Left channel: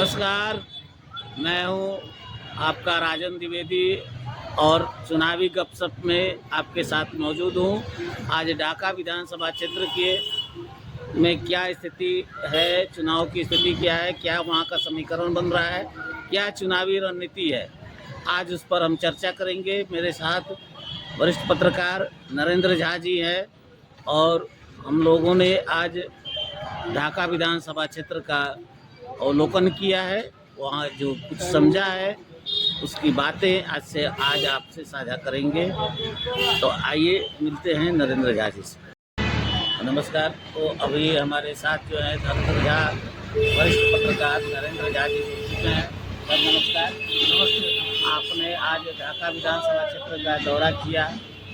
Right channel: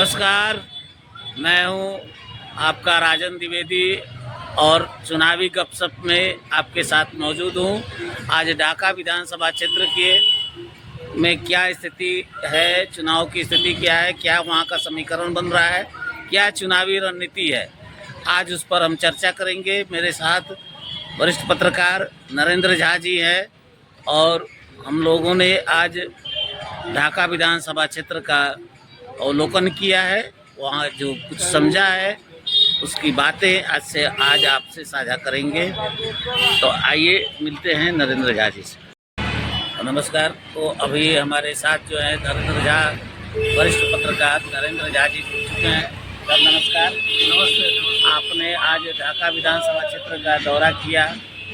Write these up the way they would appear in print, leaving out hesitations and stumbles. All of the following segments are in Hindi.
नमस्कार, मैं हूं आपका राजन द्विवेदी और चुनावी गपशप में आपके साथ मौजूद हूं। आज ढाका विधानसभा क्षेत्र के में क्या स्थिति है, चुनाव की स्थिति क्या है, क्या वहां का समीकरण बन रहा है, क्या चुनावी रणनीति है, आज उस पर हम चर्चा करेंगे। मेरे साथ वरिष्ठ पत्रकार नरेंद्र झा जी हैं और हम लोगों ने आज ढाका विधानसभा क्षेत्र का अवलोकन किया है, वहाँ जो कुछ समझा है उसकी बातें आज आपसे साझा करेंगे। तो आइए मिलते हैं नरेंद्र झा जी से। नमस्कार। तो अभी हमारे साथ जो है नरेंद्र झा, वरिष्ठ पत्रकार नरेंद्र झा जी जुड़ चुके हैं। सर नमस्कार। नमस्ते। आपने आज ढाका विधानसभा क्षेत्र का दौरा किया,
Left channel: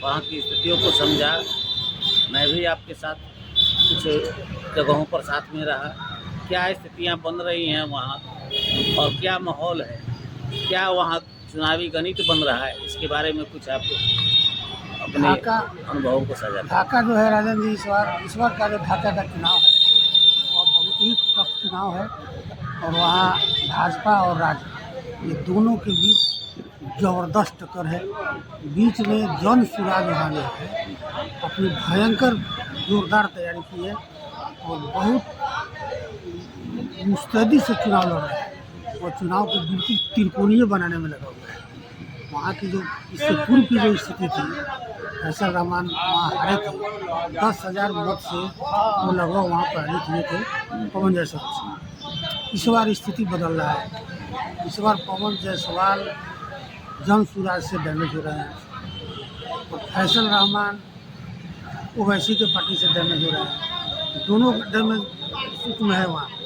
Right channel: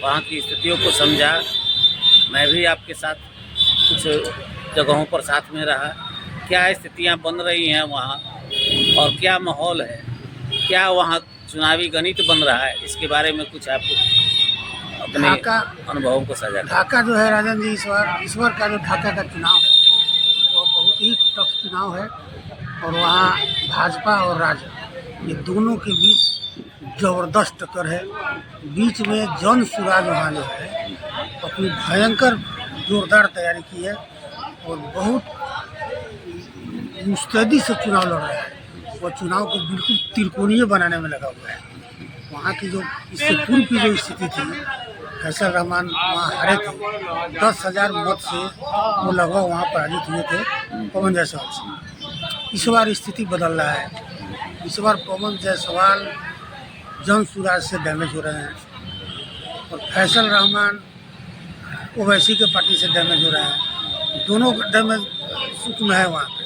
वहाँ की स्थितियों को समझा, मैं भी आपके साथ कुछ जगहों पर साथ में रहा। क्या स्थितियां बन रही हैं वहाँ और क्या माहौल है, क्या वहाँ चुनावी गणित बन रहा है, इसके बारे में कुछ आप अपने अनुभवों को साझा करें। ढाका जो है राजन जी, इस बार का जो ढाका का चुनाव है वो बहुत ही टफ चुनाव है और वहाँ भाजपा और राजद ये दोनों के बीच ज़बरदस्त टक्कर है। बीच में जन सुराज वहाँ जो है अपनी भयंकर जोरदार तैयारी की है और बहुत मुस्तैदी से चुनाव लड़ रहा है। वो चुनाव को बिल्कुल त्रिकोणीय बनाने में लगा हुआ है। वहाँ की जो इससे पूर्व की जो स्थिति थी, फैसल रहमान वहाँ हारे थे, 10,000 मत से वो लगभग वहाँ पराजित हुए थे पवन जायसवाल से। इस बार स्थिति बदल रहा है। इस बार पवन जायसवाल जन सुराज से डैमेज हो रहे हैं और फैसल रहमान ओवैसी के पार्टी से डैमेज हो रहे हैं। दोनों डैमेज सूक्ष्म है वहाँ पे।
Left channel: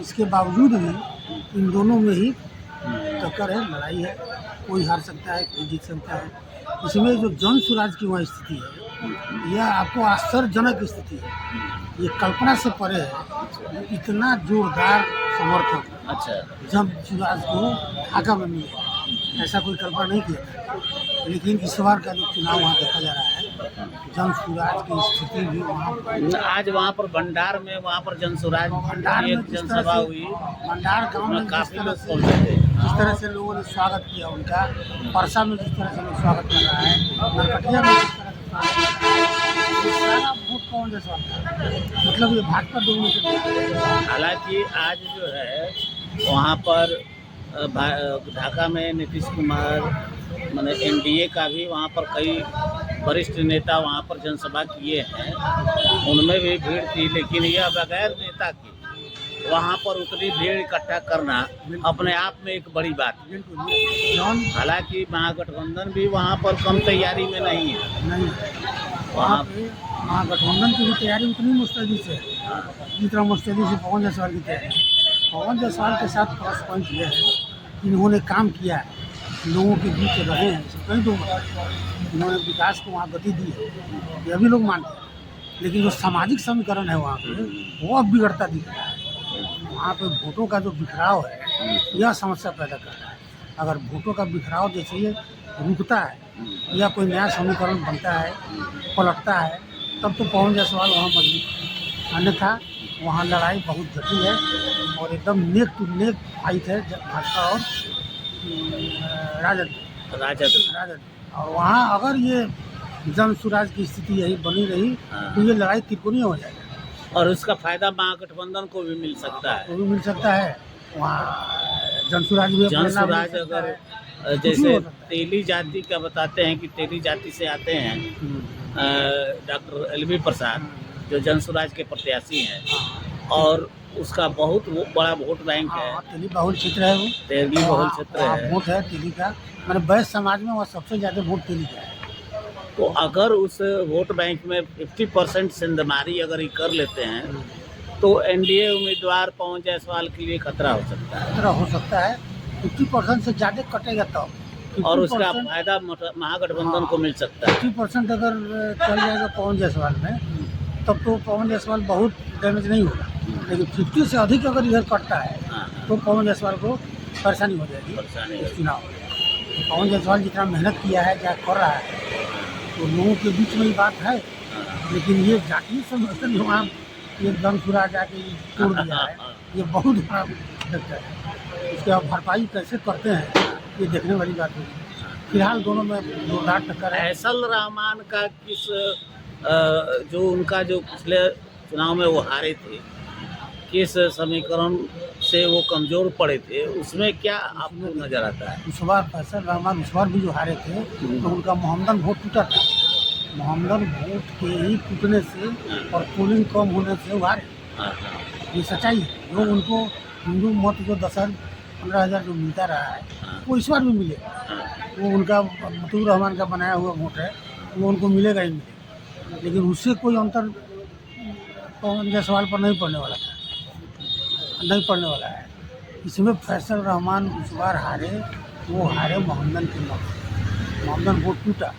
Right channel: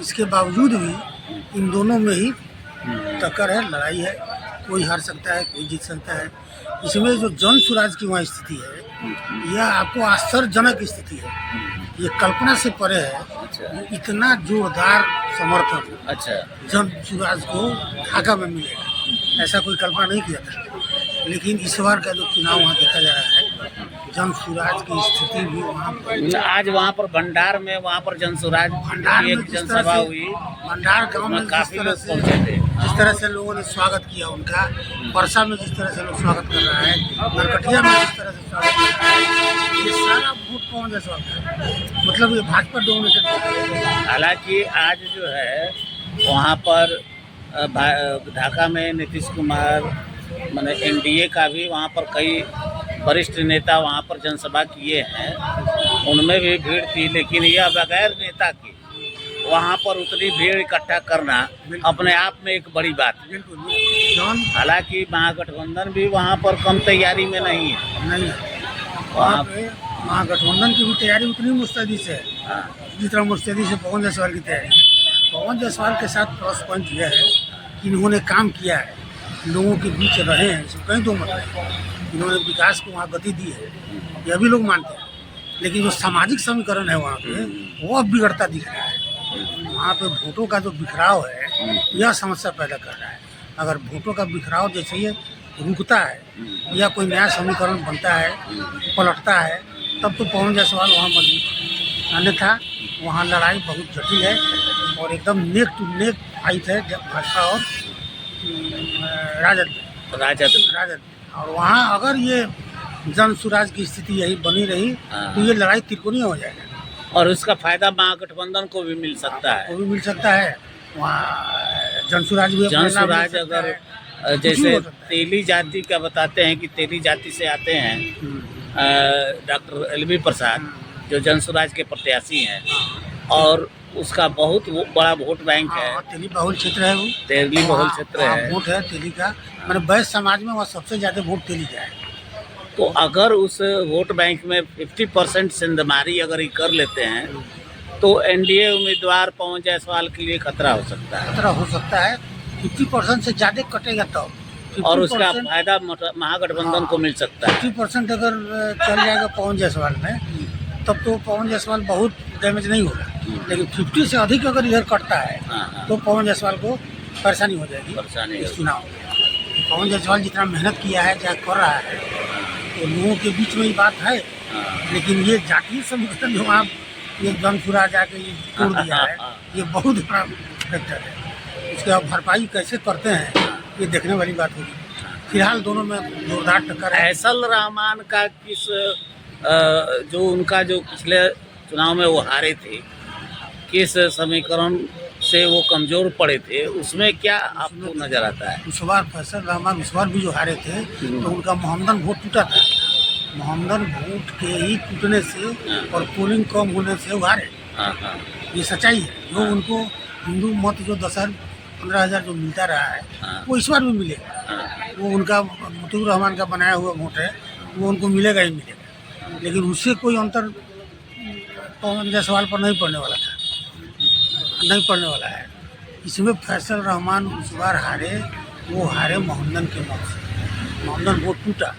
इसके बावजूद भी इन दोनों में ही टक्कर है, लड़ाई है। कोई हार सकता है, कोई जीत सकता है। इसमें जो जन सुराज की वहाँ स्थिति है, यह आपको आश्चर्यजनक स्थिति है। ये कल्पना से परे है। इतना जोरदार समर्थन जन सुराज को ढाका में मिलेगा, ऐसा कोई कल्पना नहीं किया था। लेकिन इस बार का जो चुनाव वहाँ देखा जा रहा है, जन सुराज की स्थिति भी वहाँ पर आज वहाँ पर भंडार में, वहाँ पर जन सुराज भंडार में जनसभा हुई। भंडार गांव में जिस तरह से लोगों ने स्वागत किया उनका, परसा में जिस तरह से लोग स्वागत कर रहा है, नरकटिया में जिस तरह से स्वागत कर रहा है, ये सारा वोट पवन जायसवाल का, मतलब ये भाजपा डोमिनेटेड। हालांकि आज जो है वहाँ पर ढाका में नीतीश कुमार माने एनडीए का भी वहाँ पर कई वरिष्ठ नेता वहाँ पर जनसभा किए हैं, उनमें भी भीड़ थी। लेकिन यह बगैर नेता के वहाँ पर उतनी भीड़ इकट्ठा करना अपने आप में एक बड़ी बात है। हालांकि महागठबंधन भी वहाँ पर कम तैयारी में नहीं है। वहाँ पे महागठबंधन की भी तैयारी उतनी मुस्तैदी से है जितना मुस्तैदी से पवन जायसवाल की तैयारी है। पवन जायसवाल के साथ प्लस पॉइंट यह है कि इन्होंने काम किया है, लोगों के बीच रहे हैं, इसमें कहीं दो मत नहीं। इन्होंने विकास को वहाँ गति दी है, यह भी लोग मानते हैं। लेकिन जो सामाजिक समीकरण है वहाँ पे, वो अब बिगड़ता दिख रहा है। वहाँ पे वोटों का जो बिखराव है, यह समस्या पैदा कर रहा है। अगर वोटों का बिखराव जैसे ये रुकता है या कोई नया समीकरण बनता है, पलटता है, तब तो पवन जायसवाल वहाँ मजबूत। अन्यथा वहाँ लड़ाई बहुत जटिल है और एकदम नेक टू नेक फाइट है भाजपा और राजद। और वहाँ अगर ये जन सुराज की स्थिति यही बनी रही तो ये लड़ाई त्रिकोणीय हो जाएगा और उसका फायदा महागठबंधन को भी मिल सकता है। वो भी मिल सकता है। वहाँ जन सुराज अगर जैसे तेली जाति का बताते हैं कि तेली जाति से आते हैं डॉक्टर एलवी प्रसाद, जो जन सुराज के प्रत्याशी हैं, और उसका बहुत बड़ा वोट बैंक है। तेली बहुल क्षेत्र है, वो तेली बहुल क्षेत्र है, वोट है तेली का। मैंने वैश्य समाज में वहाँ सबसे ज़्यादा वोट तेली का है। तो अगर उस वोट बैंक में 50% सेंधमारी अगर ये कर लेते हैं तो एनडीए उम्मीदवार पवन जायसवाल के लिए खतरा हो सकता है। 50% से ज़्यादा कटेगा तब और उसका फायदा महागठबंधन को मिल सकता है। 50% अगर चल जाएगा पवन जायसवाल में, तब तो पवन जायसवाल बहुत डैमेज नहीं होगा। लेकिन 50 से अधिक अगर इधर कटता है तो पवन जायसवाल को परेशानी हो जाएगी इस चुनाव में। पवन जायसवाल जितना मेहनत किया है, क्या कर रहा है, तो लोगों के बीच में ही बात है। लेकिन ये जातीय समीकरण जो वहाँ ये जन सुराज जाके तोड़ दिया है, ये बहुत बड़ा फैक्टर है, उसके आप भरपाई कैसे करते हैं ये देखने वाली बात होगी। फिलहाल दोनों में जोरदार टक्कर है। फैसल रहमान का किस जो उनका जो पिछले चुनाव में वो हारे थे, किस समीकरण से वो कमजोर पड़े थे, उसमें क्या आपको नजर आता है? इस बार फैसल रहमान इस बार भी जो हारे थे तो उनका मोहम्मदन वोट टूटा था। मोहम्मदन वोट के ही टूटने से और पोलिंग कम होने से वो हारे। हाँ हाँ ये सच्चाई है। जो उनको हिंदू मत जो 10,000-15,000 जो मिलता रहा है वो इस बार भी मिलेगा। हाँ। वो उनका मुतीउर रहमान का बनाया हुआ वोट है, वो उनको मिलेगा ही मिलेगा। लेकिन उससे कोई अंतर पवन जायसवाल पर नहीं पड़ने वाला था, नहीं पड़ने वाला है। इसमें फैसल रहमान इस बार हारे, वो हारे मोहम्मदन के मत से। मोहम्मदन वोट टूटा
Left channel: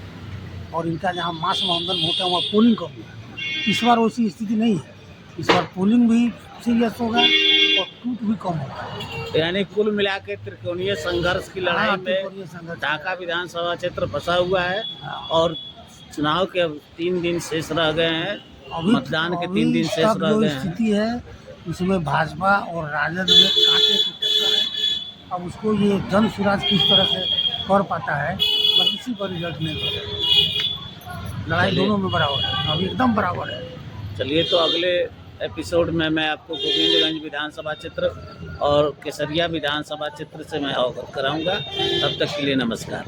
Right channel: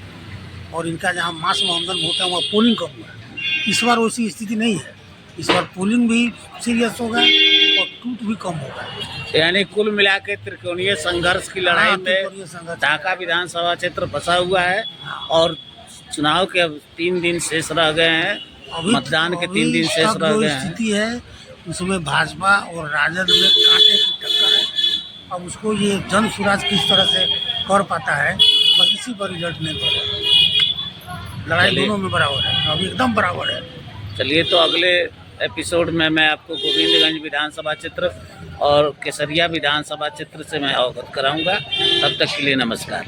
और इनका जहाँ मास मोहम्मदन वोट है वहाँ पोलिंग कम हुआ। इस बार वैसी स्थिति नहीं है। इस बार पोलिंग भी सीरियस होगा और टूट भी कम होगा। यानी कुल मिला के त्रिकोणीय संघर्ष की लड़ाई हाँ, में त्रिकोणीय संघर्ष। ढाका विधानसभा क्षेत्र फंसा हुआ है हाँ। और चुनाव के अब 3 दिन शेष रह गए हैं, मतदान के 3 दिन शेष तक रह जो गए हैं। स्थिति है उसमें भाजपा और राजद में कांटे की टक्कर है। अब उसको ये जन स्वराज किस तरह से कर पाता है, बस इसी पर रिजल्ट निर्भर है। लड़ाई चलिए। दोनों में बराबर है, अभी एकदम बराबर है। चलिए, तो अगले एपिसोड में मैं आपको गोविंदगंज विधानसभा क्षेत्र और केसरिया विधानसभा क्षेत्र से मैं अवगत कराऊंगा। तब तक के लिए नमस्कार।